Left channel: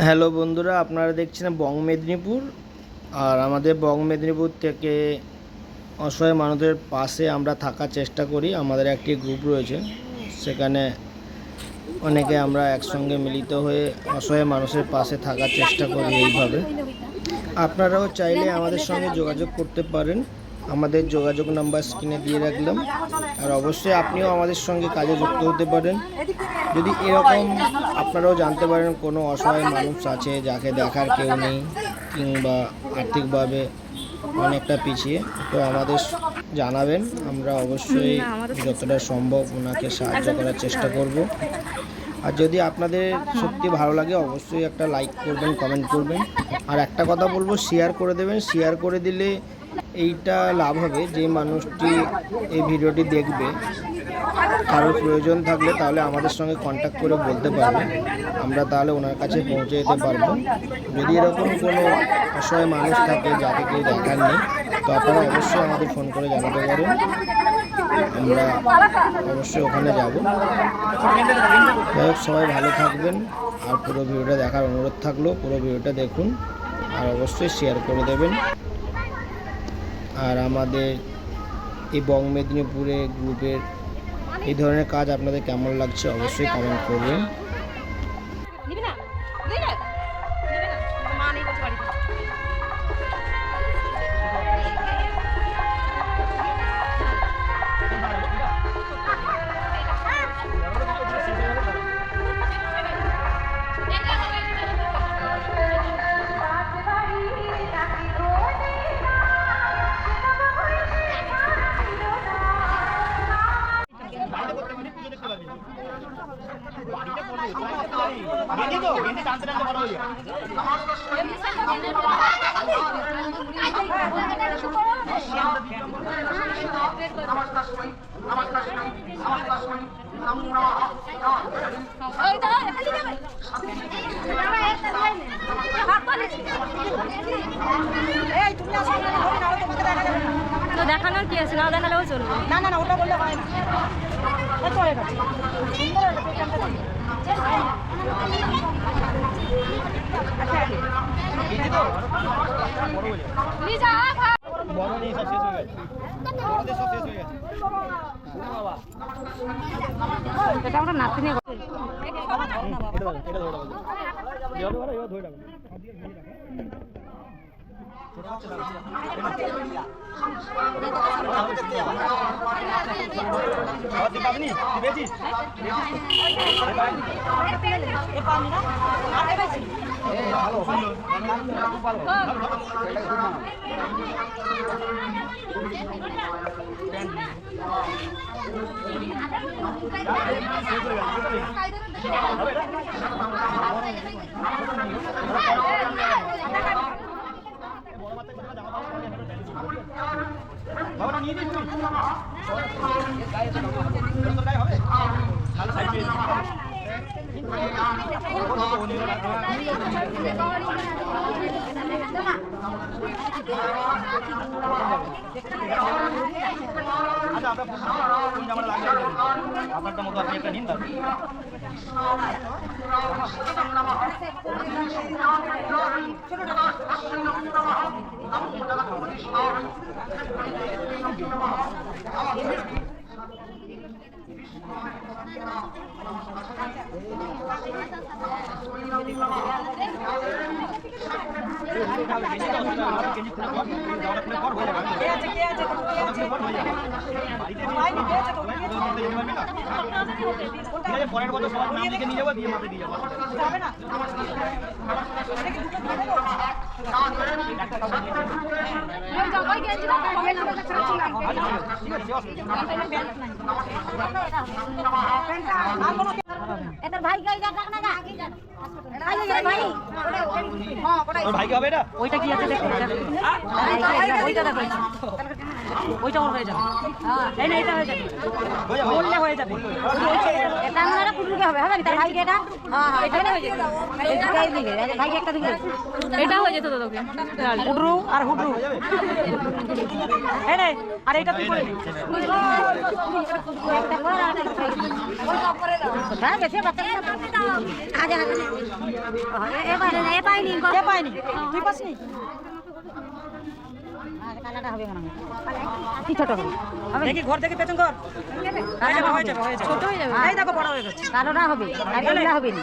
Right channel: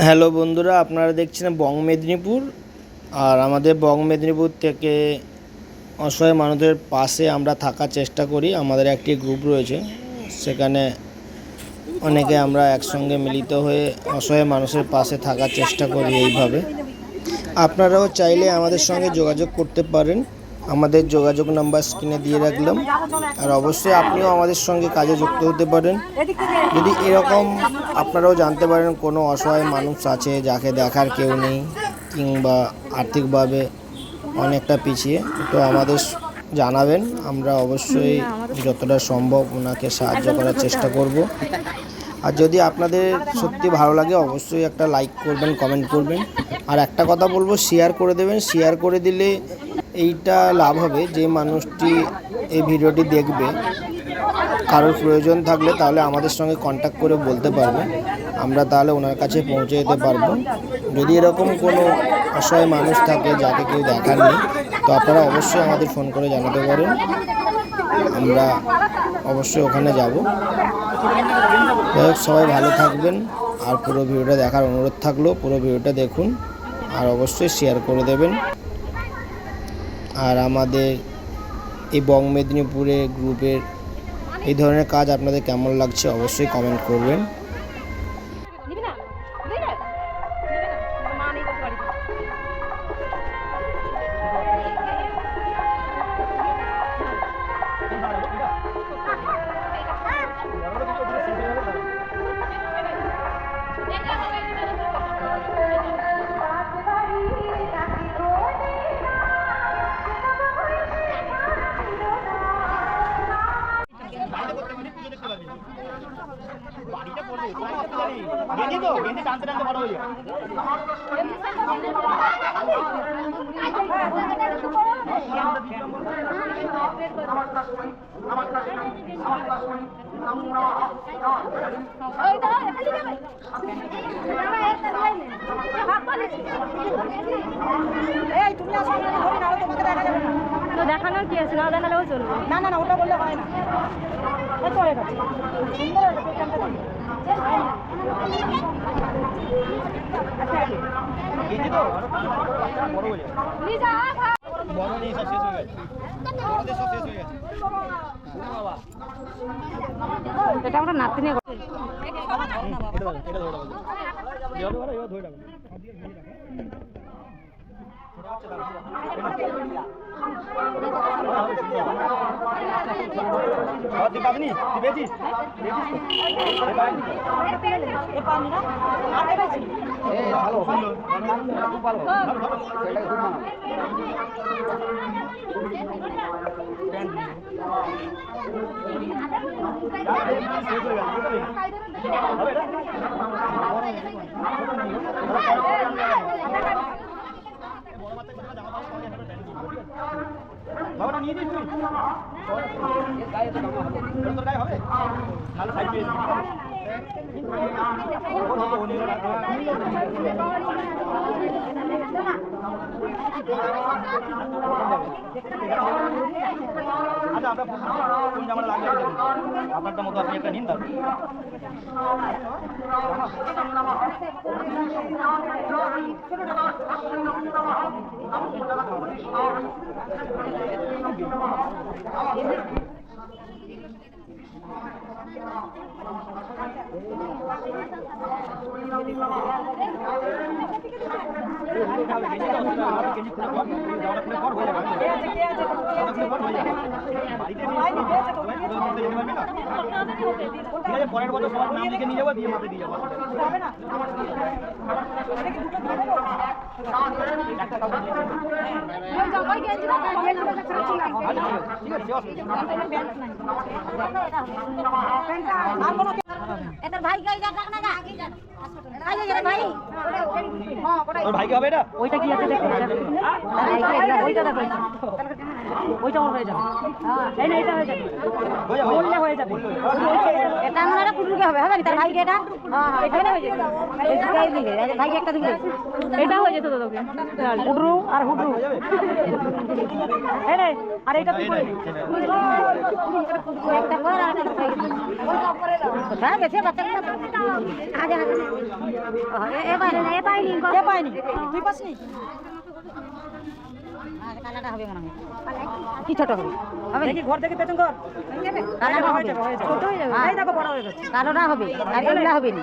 Hello বন্ধুরা, আপনারা দেখছেন বং মেদিনীপুর। আর আমাদের বং মেদিনীপুর থেকে অসহায় মানুষদের পাশে আমরা থাকার চেষ্টা করি। আমাদের একটি গ্রুপ রয়েছে, সেখানে অনেকে আমরা একসঙ্গে মিলিত হয়ে অসহায় মানুষের পাশে থাকার চেষ্টা করি। এইভাবে আপনারাও চাইলে আমাদের সঙ্গে যোগাযোগ করতে পারেন। আমাদের যোগাযোগ নাম্বার স্ক্রিনে দিয়ে রাখলাম। আর অবশ্যই আপনিও আমাদের সঙ্গে কাজে যুক্ত হতে পারেন। যদি এরকম আপনারাও জানতে পারেন কোনো অসহায় মানুষ আছে যাকে দেখার কেউ নেই, কিংবা আর্থিকভাবে অনেকটা পিছিয়ে, তো আমাদের জানাবেন। আমরা অবশ্যই যতটা সম্ভব ওনাকে সাহায্য করার চেষ্টা করব। আর যদি আপনাদের সত্যি ভালো লাগে অবশ্যই একটা লাইক করবেন, কমেন্ট করবেন। আর একটা কথা বলবো, শেয়ার করে দেবেন। শেয়ার করে দিলে এইটা লাভ হবে, যে মানুষটি এই ভিডিওটি দেখবে, কারোর প্রয়োজন থাকলে তাহলে আমাদের সঙ্গে কন্ট্যাক্ট করে বলতে পারবে, আমরা তাহলে ওনার কাছে পৌঁছে যেতে পারবো। যদি এরকম কোনো অসহায় মানুষ থাকে যাকে কেউ দেখার নেই, তো আপনারা অবশ্যই আমাদের ফোন করে জানাতে পারেন, আমরা অবশ্যই ওখানে যাব। যাই হোক, সবাই ভালো থাকবেন। আর পুরো ভিডিওটা দেখার অনুরোধ থাকলো, পুরো ভিডিওটা দেখুন আর অবশ্যই শেয়ার করে দেবেন। আর আমাদের এই বং মেদিনীপুরে গ্রুপের এই ধরনের কাজ আপনাদের কেমন লাগছে অবশ্যই কমেন্ট করবেন। তো দেখানোর কি আছে, না দেখালেও চলবে। না না না, ওটা বললে হয় না। কত হয়ে গেছে সুন্দর একটা পেছনটা দিন। আচ্ছা বড় নেই, সব শেষ হয়ে গেছে। বড়দের সব শেষ হয়ে গেছে। এটা আমরা নাতি নিয়ে এটা ধরে ধরে বাবা নিয়ে দিস তুই তোর গায়ে হবে ভালো সাইড পেয়ে আচ্ছা আপনার কোন জামাটা লাগবে আপনারটা মতো আপনি একটা নিন। তারপর পরের বছর সবার নাম লিখে নিয়ে যাবো, দিয়ে মাপে দিয়ে যাবো। ভাইকে হবে এটা, ওইটা কি আছে দেখো, ওইটা দেখো, ওইটা ওর হয়ে যাবে। এই না, এটা হয়ে যাবে, বললে হয়ে যাবে। এটা আমরা পুরুকে হবে, হবে তার ভাইকে এটা এখানে হয়ে যাবে। এই দিকে ভাইকে একটা দিকে এটা হয়ে যেত তোকে হুডরু আর হুডরু। এই রে, আর এটা তুই করে নে। একটা করে আর একটা করে দাও। কোথায় গেছে বাচ্চাটা? আজা এ পাইনি কে পাইনি তুই পাসনি কালাটা হবে মনে হয় কি ছোট হবে দেখি ঘর দেখি পেছন ঘর কালাটা হয়ে যাবে ছোট হয়ে যাবে এই দেখো বড় হয়ে গেছে কালোটা হবে আর এগুলা হবে না